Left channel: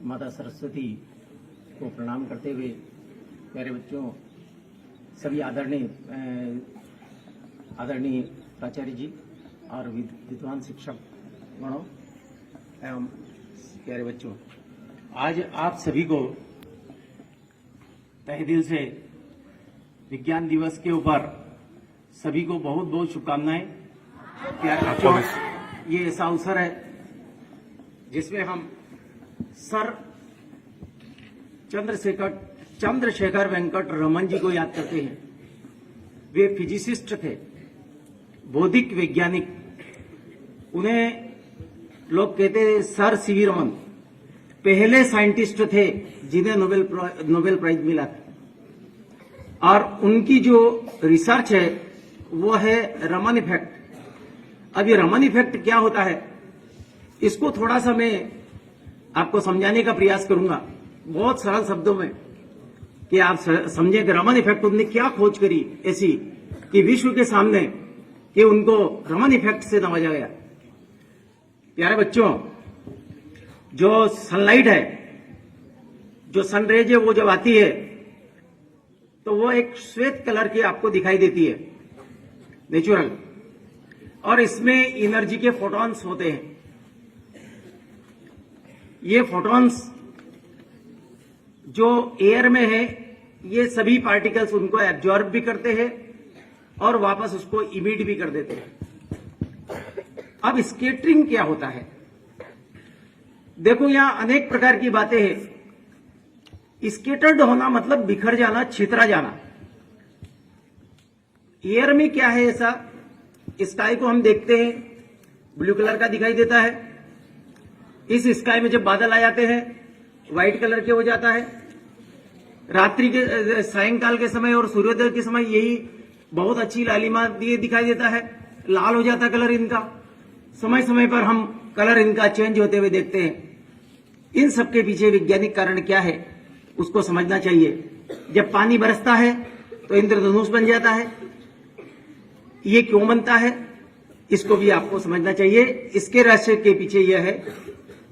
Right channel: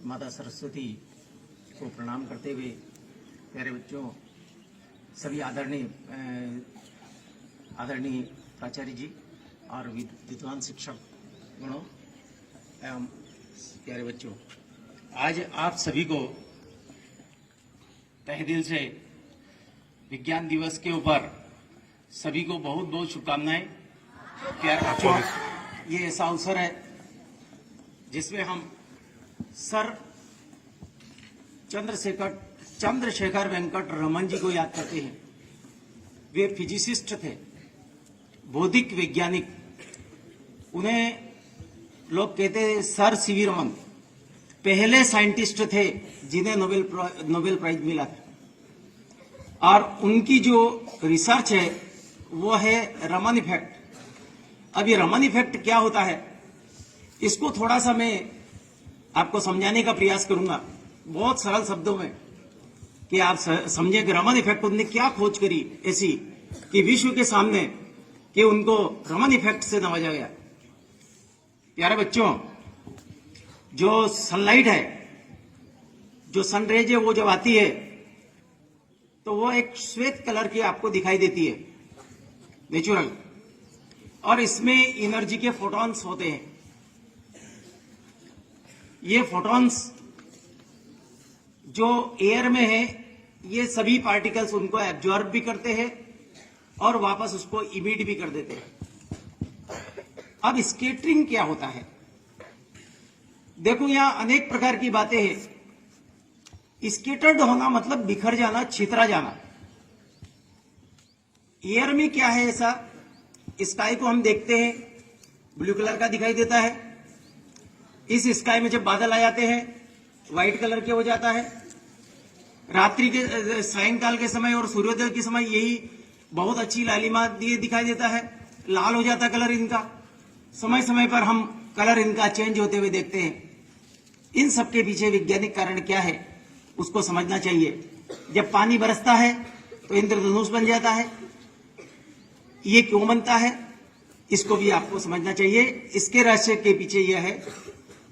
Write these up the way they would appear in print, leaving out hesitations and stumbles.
माता सरस्वती को प्रणाम करते हुए प्यारे बच्चों, सभी आदरणीय प्राचार्य जी और विद्वान शिक्षक गणों एवं प्यारे बच्चों, आज आप सभी को तहे दिल से विज्ञान दिवस के ऊपर सभी को बहुत बहुत शुभकामनाएं। प्यारे बच्चों, ये ऐसा अवसर है जिसमें हम सर चंद्रशेखर वेंकट रमन जी को याद करते हैं। वे फिजिसिस्ट थे, बौद्धिक वैज्ञानिक। उन्हें लोग कहते हैं सर सीवी रमन, पहले साइंटिस्ट थे जिन्हें नोबेल प्राइज मिला था। और उनकी जो रिसर्च है वो है रमन इफेक्ट। अब ये रमन इफेक्ट क्या होता है, इसको थोड़ा सा मैं आपको समझाने का प्रयास करूंगा बहुत सरल शब्दों में, कि आप समझे कि रमन इफेक्ट उन्होंने क्या खोज करी ऐसी कि विश्व के सामने कि उनको रमन इफेक्ट से नवाजा गया। प्यारे बच्चों, जो सनलाइट है, जो सनरेज है, वो जब आती है तो वो एक श्वेत कलर की आपको दिखाई देती है, नेचुरल, और इसमें एनर्जी के फोटॉन्स होते हैं। ये फोटॉन्स जो एयर में है, ये सभी पार्टिकल्स उनको एब्जॉर्ब भी करते हैं और वापस उसको इमिट भी कर देते हैं। अब स्कैटरिंग क्या होता है, देखो यहां अनेक प्रकार की बातें हैं। स्कैटर्ड होना मतलब बिखर जाना, छितरा जाना। एयर में क्या है ऐसा, स्काई को हम देखते हैं ब्लू कलर का दिखाई देता है। इस स्काई में जब बादल आ जाते हैं व्हाइट कलर के हो जाता है। रात्रि के सायंकाल के समय और सूर्योदय के समय यही बहुत अच्छी लालिमा दिखाई देता है, लाल हो जाता है कलर इनका। समय समय पर हम कलर इनका चेंज होते हुए देखते हैं। इन सबके पीछे वैज्ञानिक कारण क्या है उसको समझना चाहिए। जब पानी बरसता है तो इंद्रधनुष बन जाता है, ये क्यों बनता है इसको भी आपको समझना चाहिए। इसके रहस्य के पीछे यह है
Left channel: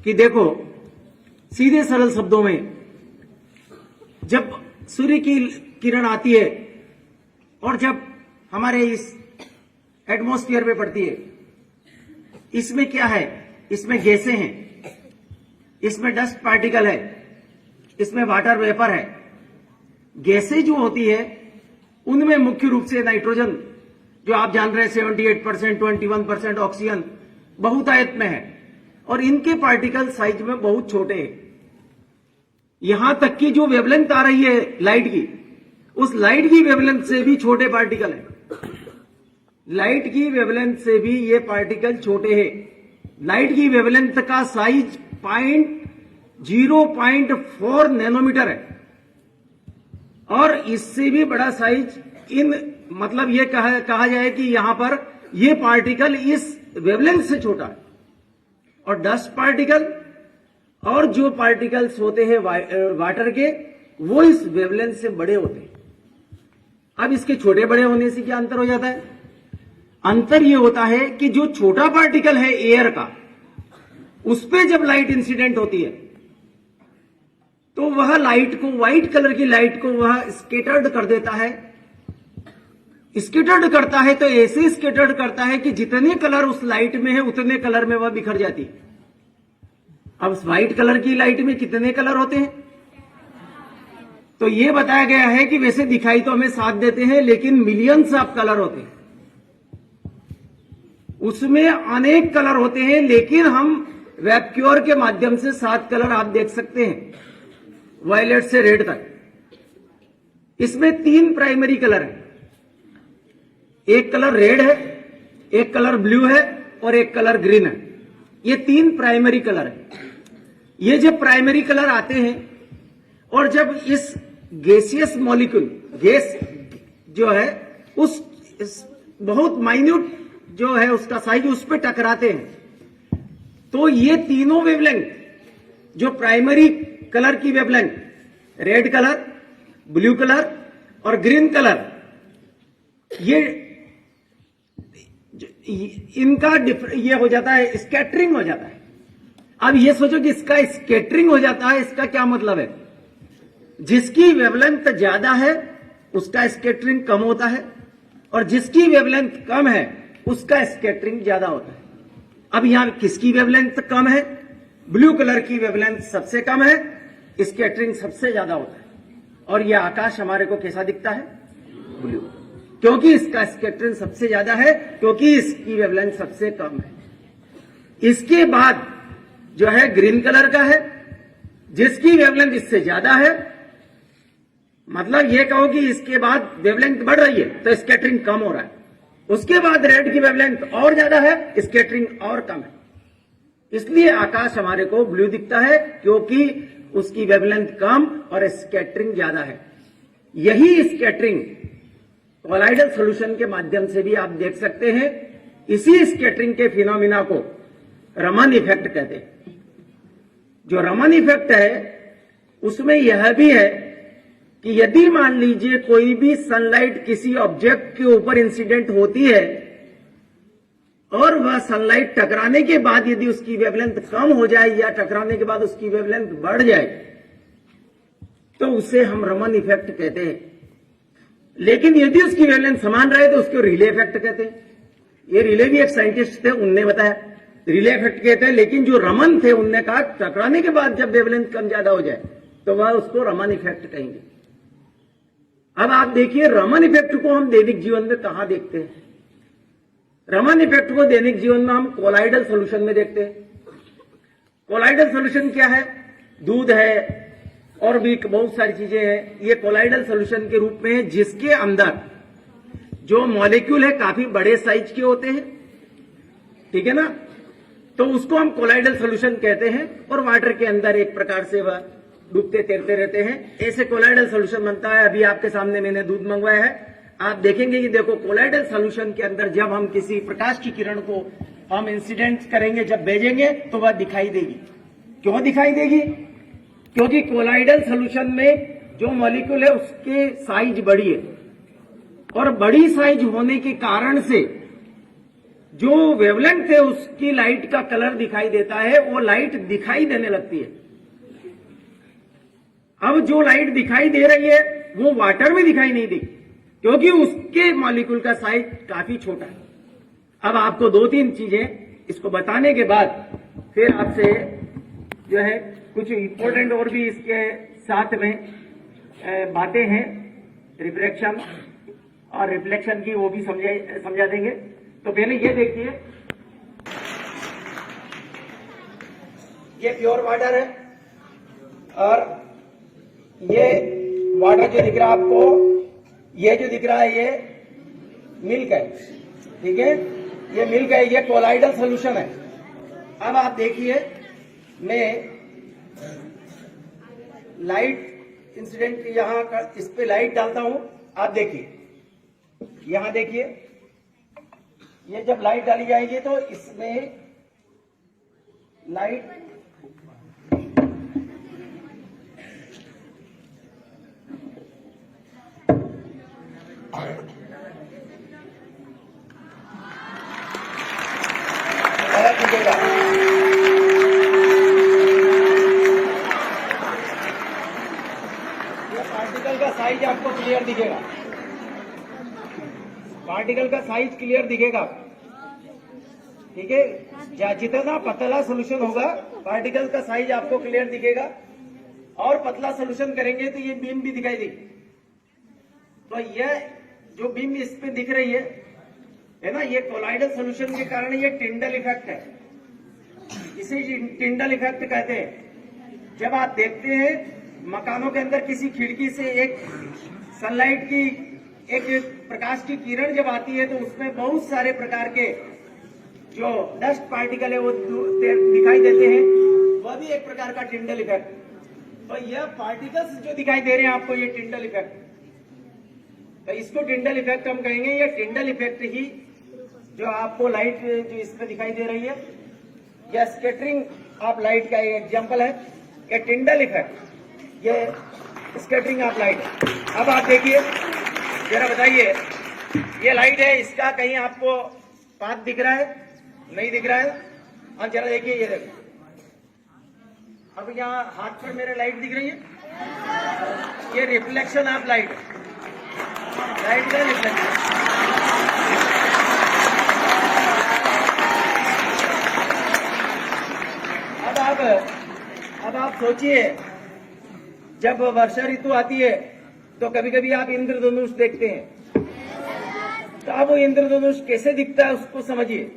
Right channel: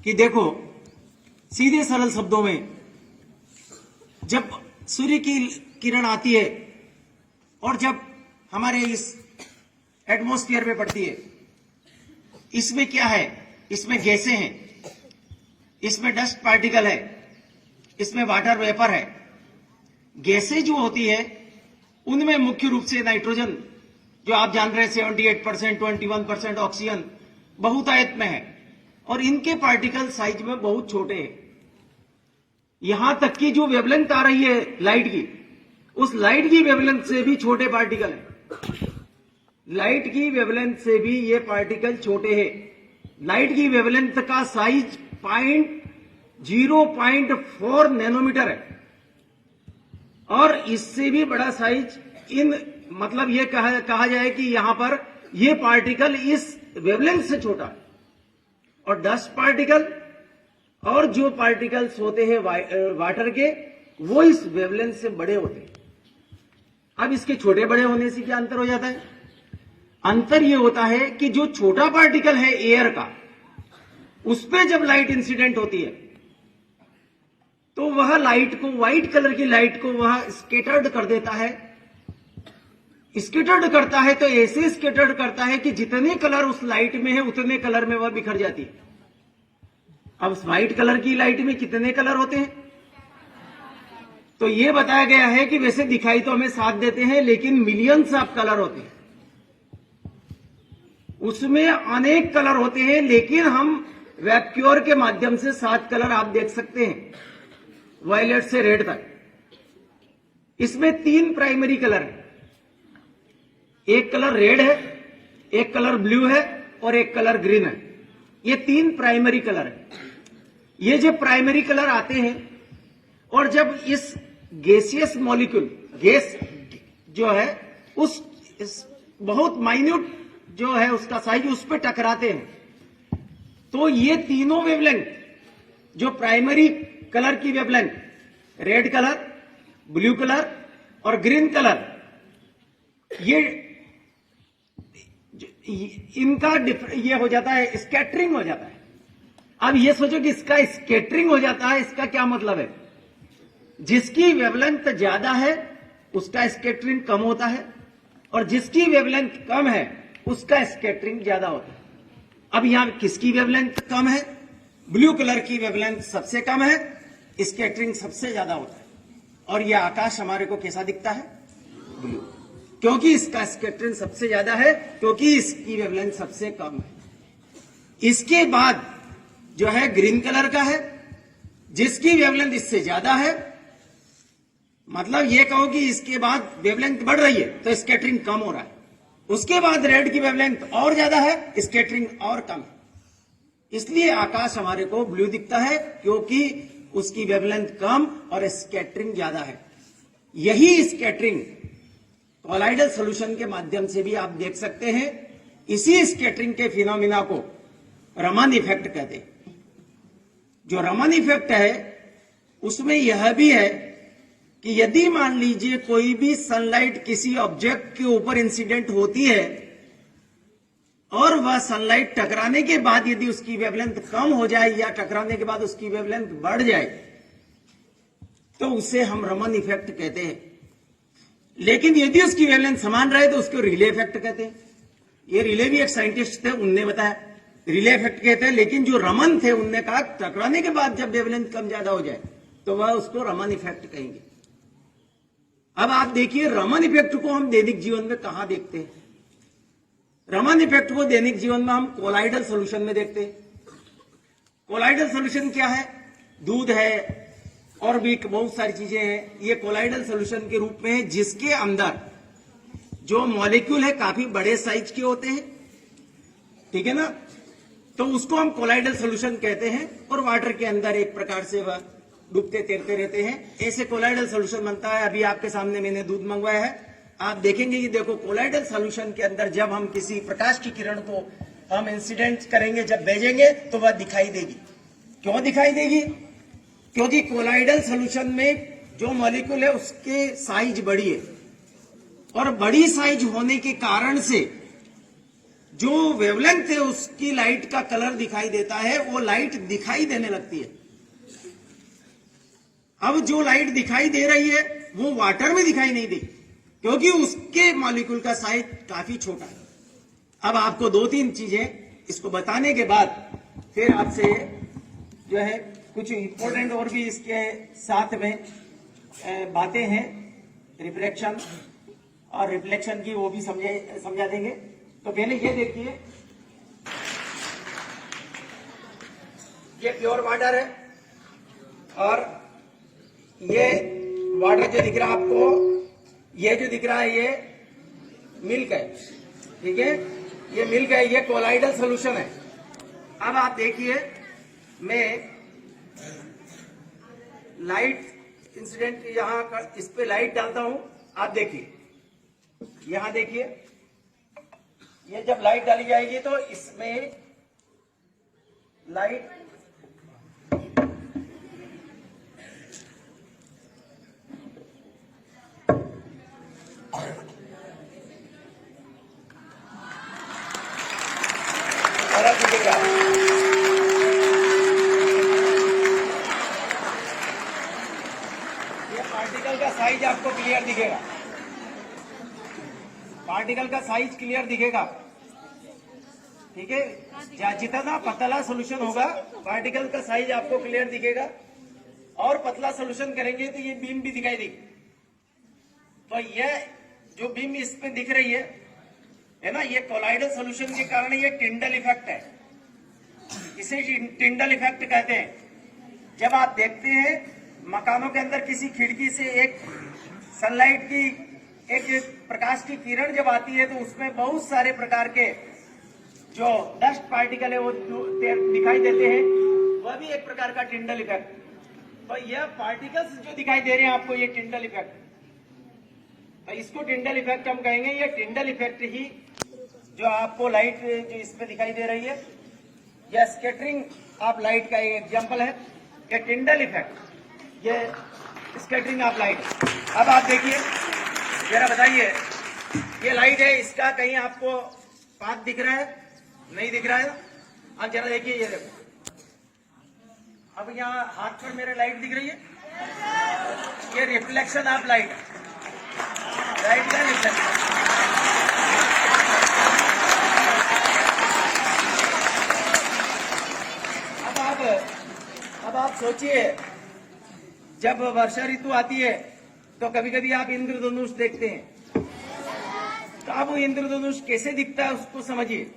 कि देखो, सीधे सरल शब्दों में, जब सूर्य की किरण आती है और जब हमारे इस एटमॉस्फेयर में पड़ती है, इसमें क्या है, इसमें गैसें हैं, इसमें डस्ट पार्टिकल है, इसमें वाटर वेपर है। गैसें जो होती है उनमें मुख्य रूप से नाइट्रोजन, जो आप जान रहे हैं 78%, 21% ऑक्सीजन बहुतायत में है, और इनके पार्टिकल साइज में बहुत छोटे हैं। यहां तक कि जो वेवलेंथ आ रही है लाइट की, उस लाइट की वेवलेंथ से भी छोटे पार्टिकल हैं। लाइट की वेवलेंथ से भी ये पार्टिकल छोटे हैं। लाइट की वेवलेंथ का साइज 0.4 नैनोमीटर है, और इससे भी बड़ा साइज मतलब ये कहा जाए कि यहां पर ये पार्टिकल इस वेवलेंथ से छोटा है। और डस्ट पार्टिकल और जो पार्टिकल्स होते हैं वाटर के, वो इस वेवलेंथ से बड़े होते हैं। अब इसके छोटे बड़े होने से क्या अंतर हो जाता है? अंतर ये होता है कि जो छोटा पार्टिकल है एयर का, उस पे जब लाइट इंसिडेंट होती है तो वह लाइट को, व्हाइट कलर की लाइट को वह स्कैटर्ड कर देता है। स्कैटर्ड करता है तो ऐसे स्कैटर्ड करता है कि जितने कलर उस लाइट में है उतने कलर में वह बिखर जाती है। अब व्हाइट कलर की लाइट में कितने कलर होते हैं? तो यह बताया गया है कि वैसे दिखाई तो हमें 7 देते हैं, लेकिन मिलियंस ऑफ कलर होते हैं, उसमें अनेक कलर होते हैं। लेकिन हम वैक्यूअर के माध्यम से 7 कलर आप देख सकते हैं, वायलेट से रेड तक। इसमें 3 प्राइमरी कलर हैं। एक कलर रेड है, एक कलर ब्लू है और एक कलर ग्रीन है। ये 3 प्राइमरी कलर है। ये जब प्राइमरी कलर आते हैं और जब इस गैसियस मॉलिक्यूल, गैस जो है उस बहुत माइन्यूट जो है उसका साइज, उस पर टकराते हैं, तो ये तीनों वेवलेंथ, जो प्राइमरी कलर की wavelength, red colour, blue colour और ग्रीन कलर, ये इनका ये हो जाता है, स्कैटरिंग हो जाता है। अब ये सोचो कि इसका स्कैटरिंग हो जाता है, इसका क्या मतलब है? जिसकी वेवलेंथ ज्यादा है उसका स्कैटरिंग कम होता है और जिसकी वेवलेंथ कम है उसका स्कैटरिंग ज्यादा होता है। अब यहां किसकी वेवलेंथ कम है? ब्लू कलर की वेवलेंथ सबसे कम है, स्कैटरिंग सबसे ज्यादा होता है। और यह आकाश हमारे को कैसा दिखता है? ब्लू, क्योंकि इसका स्कैटरिंग सबसे ज्यादा है, क्योंकि इसकी वेवलेंथ सबसे कम है। इसके बाद जो है ग्रीन कलर का है, जिसकी वेवलेंथ इससे ज्यादा है, मतलब यह कहो कि इसके बाद वेवलेंथ बढ़ रही है तो स्कैटरिंग कम हो रहा है। उसके बाद रेड की वेवलेंथ और ज्यादा है, स्कैटरिंग और कम है। इसलिए आकाश हमारे को ब्लू दिखता है, क्योंकि उसकी वेवलेंथ कम और स्कैटरिंग ज्यादा है। यही स्कैटरिंग कोलाइडल सॉल्यूशन के माध्यम से भी आप देख सकते हैं। इसी स्कैटरिंग के फिनोमिना को रमन इफेक्ट कहते हैं। जो रमन इफेक्ट है उसमें यह भी है कि यदि मान लीजिए कोई भी सनलाइट किसी ऑब्जेक्ट के ऊपर इंसिडेंट होती है और वह सनलाइट टकराने के बाद यदि उसकी वेवलेंथ कम हो जाए या टकराने के बाद उसकी वेवलेंथ बढ़ जाए तो उसे हम रमन इफेक्ट कहते हैं। लेकिन यदि उसकी वेवलेंथ समान रहे तो उसको रिले इफेक्ट कहते हैं। ये रिले भी एक साइंटिस्ट थे, उनने बताया रिले इफेक्ट कहते हैं। लेकिन जो रमन थे उनने कहा टकराने के बाद जब वेवलेंथ कम ज्यादा हो जाए तो वह उसको रमन इफेक्ट कहेंगे। अब आप देखिए रमन इफेक्ट को हम दैनिक जीवन में कहां देखते हैं? रमन इफेक्ट को दैनिक जीवन में हम कोलाइडल सॉल्यूशन में देखते हैं। कोलाइडल सॉल्यूशन क्या है? दूध है और भी बहुत सारी चीजें हैं। ये कोलाइडल सॉल्यूशन के रूप में है, जिसके अंदर जो मॉलिक्यूल है काफी बड़े साइज के होते हैं, ठीक है ना? तो उसको हम कोलाइडल सॉल्यूशन कहते हैं। और वाटर के अंदर एक प्रकार से वह डूबते तैरते रहते हैं। ऐसे कोलाइडल सॉल्यूशन बनता है। अभी आपके सामने मैंने दूध मंगवाया है, आप देखेंगे कि देखो कोलाइडल सॉल्यूशन के अंदर जब हम किसी प्रकाश की किरण को हम इंसिडेंट करेंगे, जब भेजेंगे तो वह दिखाई देगी। क्यों दिखाई देगी? क्योंकि कोलाइडल सॉल्यूशन में जो मॉलिक्यूल है उसके साइज बड़ी है और बड़ी साइज होने के कारण से जो वेवलेंथ है उसकी लाइट का कलर दिखाई देता है, वो लाइट दिखाई देने लगती है। अब जो लाइट दिखाई दे रही है वो वाटर में दिखाई नहीं देगी, क्योंकि उसके मॉलिक्यूल का साइज काफी छोटा है। अब आपको दो तीन चीजें इसको बताने के बाद फिर आपसे जो है कुछ इंपॉर्टेंट और भी इसके साथ में बातें हैं, रिफ्रैक्शन और रिफ्लेक्शन की, वो भी समझा देंगे। तो पहले ये देखिए, ये प्योर वाटर है और ये वाटर जो दिख रहा है आपको, ये जो दिख रहा है ये मिल्क है, ठीक है? ये मिल्क है, ये कोलाइडल सॉल्यूशन है। अब आप देखिए, मैं लाइट इंसिडेंट यहां इस पे लाइट डालता हूं। आप देखिए, यहां देखिए, ये जब लाइट डाली जाएगी तो इसमें लाइट दिखेगा। ये पार्टिकल का साइज आपको क्लियर दिखेगा, पार्टिकल का साइज क्लियर दिखेगा, ठीक है? जितना पतला सोल्यूशन होगा पार्टिकल का साइज आपको क्लियर दिखेगा, और पतला सोल्यूशन करेंगे तो ये बीम भी दिखाई देगी। तो ये जो बीम इस पे दिख रही है ना, ये कोलाइडल सॉल्यूशन के कारण ये टिंडल इफेक्ट है। इसे टिंडल इफेक्ट कहते हैं। जब आप देखते हैं मकानों के अंदर किसी खिड़की से एक सनलाइट की एक प्रकाश की किरण जब आती है तो उसमें बहुत सारे प्रकार के जो डस्ट पार्टिकल है वो दिखाई देते हैं, वह भी एक प्रकार का टिंडल इफेक्ट। तो यह पार्टिकल्स जो दिखाई दे रहे हैं आपको, ये टिंडल इफेक्ट, तो इसको टिंडल इफेक्ट हम कहेंगे। ये टिंडल इफेक्ट ही जो आपको लाइट जो इसमें दिखाई दे रही है, यह स्कैटरिंग ऑफ लाइट का एक एग्जांपल है। ये टिंडल इफेक्ट, ये स्कैटरिंग ऑफ लाइट। अब आप देखिए, जरा बताइए, ये लाइट है, इसका कहीं आपको पाथ दिख रहा है? नहीं दिख रहा है। अब जरा देखिए, ये देखिए, अब यहाँ हाथ में मेरे लाइट दिख रही है, ये रिफ्लेक्शन ऑफ लाइट, लाइट का रिफ्लेक्शन। अब आप सोचिए, जब वर्षा ऋतु आती है तो कभी कभी आप इंद्रधनुष देखते हैं, तो अब वो इंद्रधनुष कैसे दिखता है उसको समझिए।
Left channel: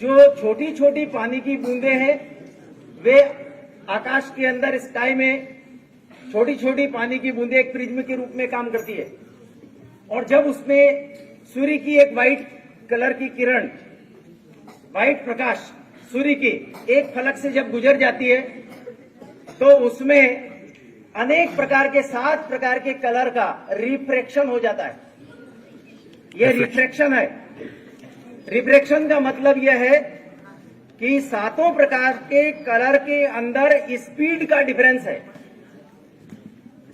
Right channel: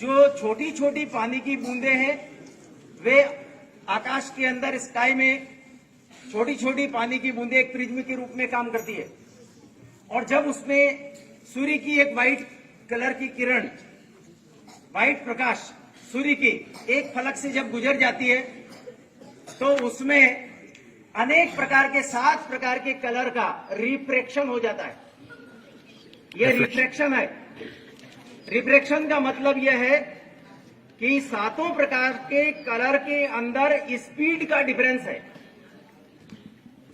जो छोटी छोटी पानी की बूंदें हैं वे आकाश के अंदर स्काई में छोटी छोटी पानी की बूंदें एक प्रिज्म के रूप में काम करती है, और जब उसमें सूर्य की एक व्हाइट कलर की किरण, व्हाइट प्रकाश सूर्य की एक फलक से जब गुजर जाती है तो उसमें अनेक प्रकार के 7 प्रकार के कलर का रिफ्रैक्शन हो जाता है। यह रिफ्रैक्शन है। रिफ्रैक्शन का मतलब यह है कि 7 प्रकार के कलर के अंदर स्पीड का डिफरेंस है।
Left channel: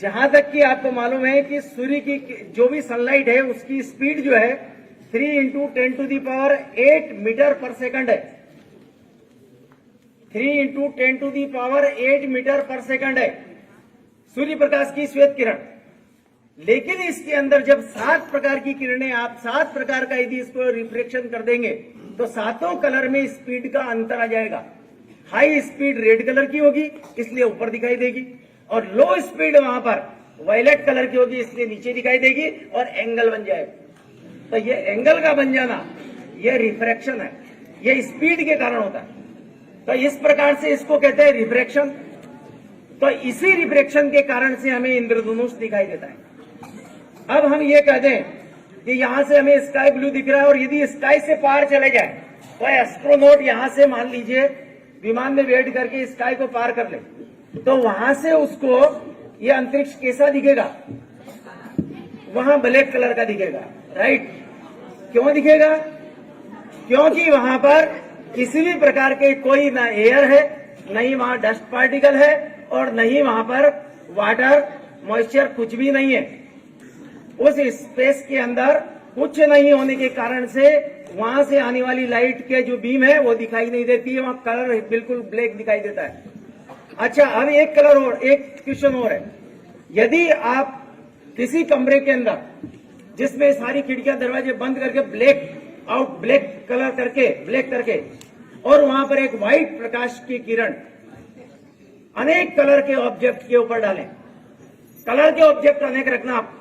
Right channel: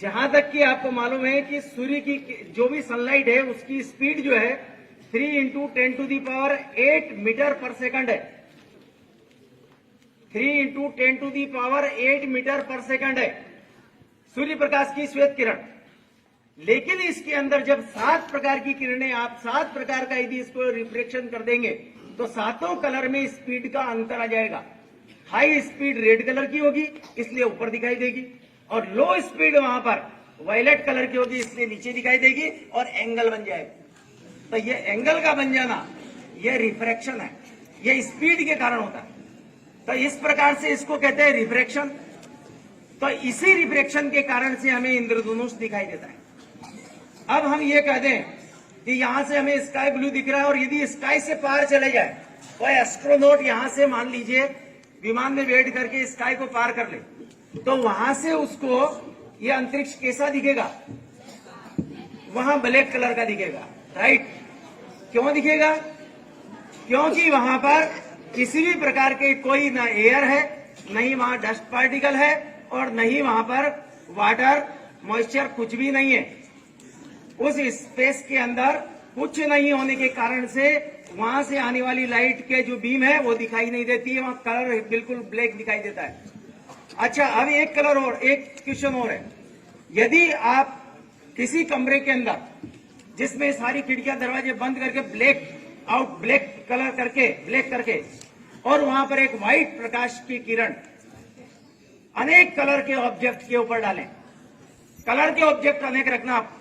जहां तक कि आपको मालूम है कि सूर्य की जो भी सनलाइट है उसकी स्पीड जो है 3 × 10⁸ मीटर पर सेकंड है। 3 × 10⁸ मीटर पर सेकंड है सूर्य प्रकाश की श्वेत किरण। लेकिन इसके अंदर जब 7 प्रकार की किरणें, आप 7 प्रकार का यदि इसको रिफ्लेक्शन कर देंगे तो 7 कलर में स्पीड का अंतर आ जाएगा। हाई स्पीड रेड कलर की होगी इसलिए ऊपर दिखाई देगी, और लो स्पीड वहां पर वायलेट कलर की होगी इसलिए नीचे दिखाई देगी, और एंगल बन जाएगा। तो ये एंगल का बन जाना ये रिफ्रैक्शन है, ये स्पीड के कारण होता है। तो इस प्रकार से इसको कहते हैं रिफ्रैक्शन। तो इसी रिफ्रैक्शन के कारण से हमें इंद्रधनुष दिखाई देता है। अब हम ये कह दें कि यहां से हमें स्काई ब्लू दिख रहा है, और यदि स्काई से पार चले जाए तो एस्ट्रोनॉट यहां से मान लीजिए विमान में वेट करके स्काई को पार कर ले, तो वहां से उसको ये अंतरिक्ष कैसा दिखेगा? वहां ब्लैक कलर का दिखेगा, राइट? क्यों दिखेगा? क्योंकि वहां पर किसी भी प्रकार के कोई ना एयर है, नहीं वहां डस्ट पार्टिकल है, और नहीं वहां पर वाटर मॉइस्चर, कुछ भी नहीं है। उस स्पेस के अंदर कुछ नहीं होने के कारण से वहां से आने वाली लाइट के जो बीम है वो दिखाई नहीं देती है, वहां कलर बिल्कुल ब्लैक दिखाई देता है। अच्छा, अब एक कलर और, एक क्वेश्चन और है। यदि आप किसी कमरे के अंदर जिसमें सारी खिड़कियां दरवाजे बंद करके ब्लैक करके और वहां पर एक व्हाइट प्रकाश की किरण अनेक कलर के ऑब्जेक्ट के ऊपर डालें, कलर के ऑब्जेक्ट अनेक रखना आप,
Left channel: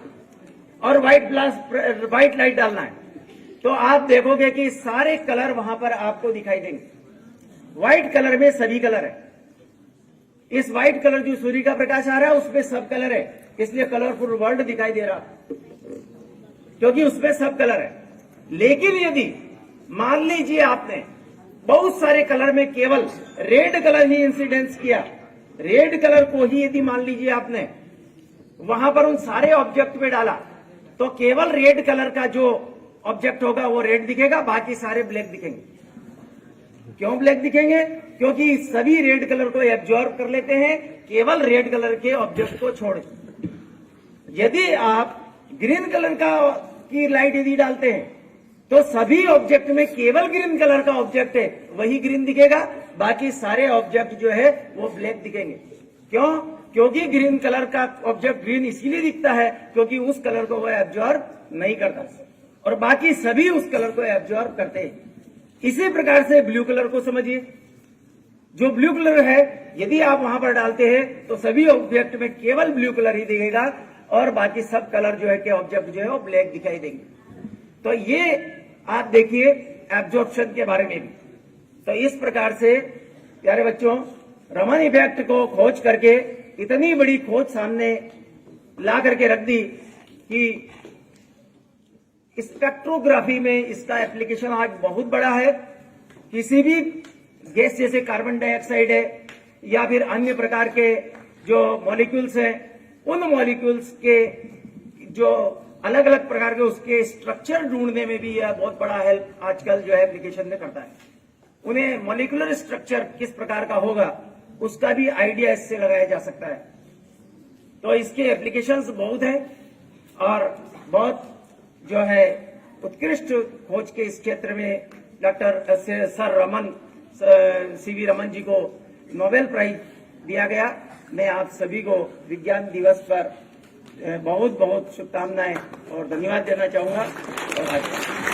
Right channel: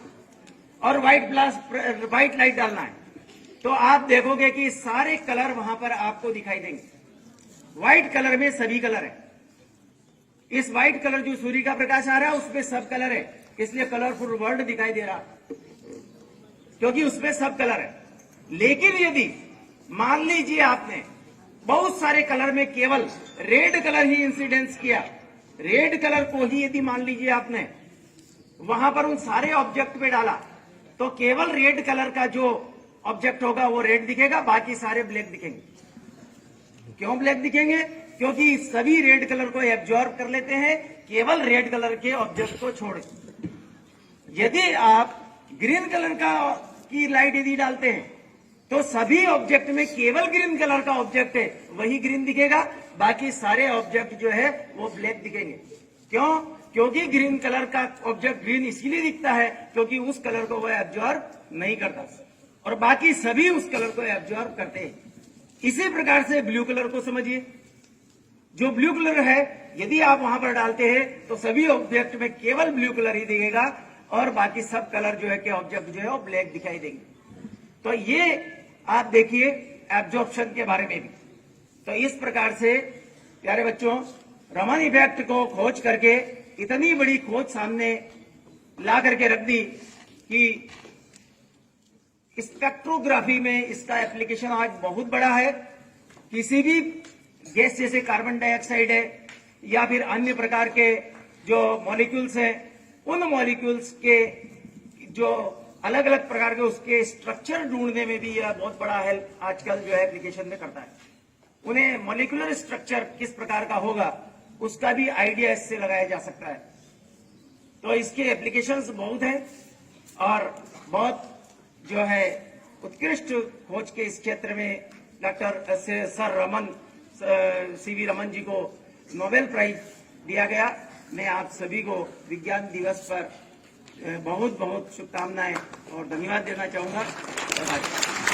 और व्हाइट लाइट डालना है, तो आप देखोगे कि सारे कलर वहां पर आपको दिखाई देंगे। व्हाइट कलर में सभी कलर है। इस व्हाइट कलर जो सूर्य का प्रकाश आ रहा है उसमें सब कलर है, इसलिए कलरफुल वर्ल्ड दिखाई दे रहा है, क्योंकि उसमें सब कलर है। लेकिन यदि मान लीजिए आपने बहुत सारे कलर में केवल रेड कलर ही इंसिडेंस किया, रेड कलर को ही यदि मान लीजिए आपने वहां पर उन सारे ऑब्जेक्ट पे डाला, तो केवल रेड कलर का जो ऑब्जेक्ट होगा वो रेड दिखेगा, बाकी सारे ब्लैक दिखेंगे। क्यों ब्लैक दिखेंगे? क्योंकि सभी रेड कलर को एब्जॉर्ब कर लेते हैं, केवल रेड कलर के ऑब्जेक्ट को छोड़। यदि आप ग्रीन कलर की लाइट यदि डालते हैं तो सभी ऑब्जेक्ट में केवल ग्रीन कलर का ऑब्जेक्ट है वही ग्रीन दिखेगा, बाकी सारे ऑब्जेक्ट जो है वो ब्लैक दिखेंगे। क्यों? क्योंकि ग्रीन कलर का ऑब्जेक्ट ग्रीन इसलिए दिखता है क्योंकि उस कलर को वो एब्जॉर्ब नहीं करता, और बाकी सभी उस कलर को एब्जॉर्ब करते हैं। इसी प्रकार से ब्लू कलर को समझिए। जो ब्लू कलर है यदि आप वहां पर डालते हैं तो सभी ऑब्जेक्ट में केवल ब्लू कलर ही दिखेगा, और बाकी सब कलर जो है के ऑब्जेक्ट जो है वो ब्लैक दिखाई देंगे। तो ये आप देखिए एब्जॉर्प्शन के बारे में भी। तो इस प्रकार से प्यारे बच्चों, रमन इफेक्ट को खोज करके इतनी बड़ी खोज सामने ला करके रख दी कि स्पेक्ट्रोग्राफी में इसका एप्लीकेशन आज बहुत बड़ा है। किसी भी गैस जैसे कार्बन डाइऑक्साइड है या फिर अन्य प्रकार के जो मॉलिक्यूल्स हैं, उन मॉलिक्यूल्स के जो अलग अलग प्रकार के उसके स्ट्रक्चर ढूंढने में भी यह बहुत बड़ा हेल्प आजकल जो है एप्लीकेशन में करता है। उन्हें मॉलिक्यूलर स्ट्रक्चर किस प्रकार का होगा उसका भी आइडिया इससे लगाया जा सकता है। तो इसके एप्लीकेशंस बहुत हैं, और बहुत जो है उत्कृष्ट खोज के इस क्षेत्र में doctor sir CV Raman ji को नोबेल प्राइज दिया गया। मैं आप सभी को विज्ञान दिवस पर बहुत बहुत शुभकामनाएं और धन्यवाद देना चाहूंगा। और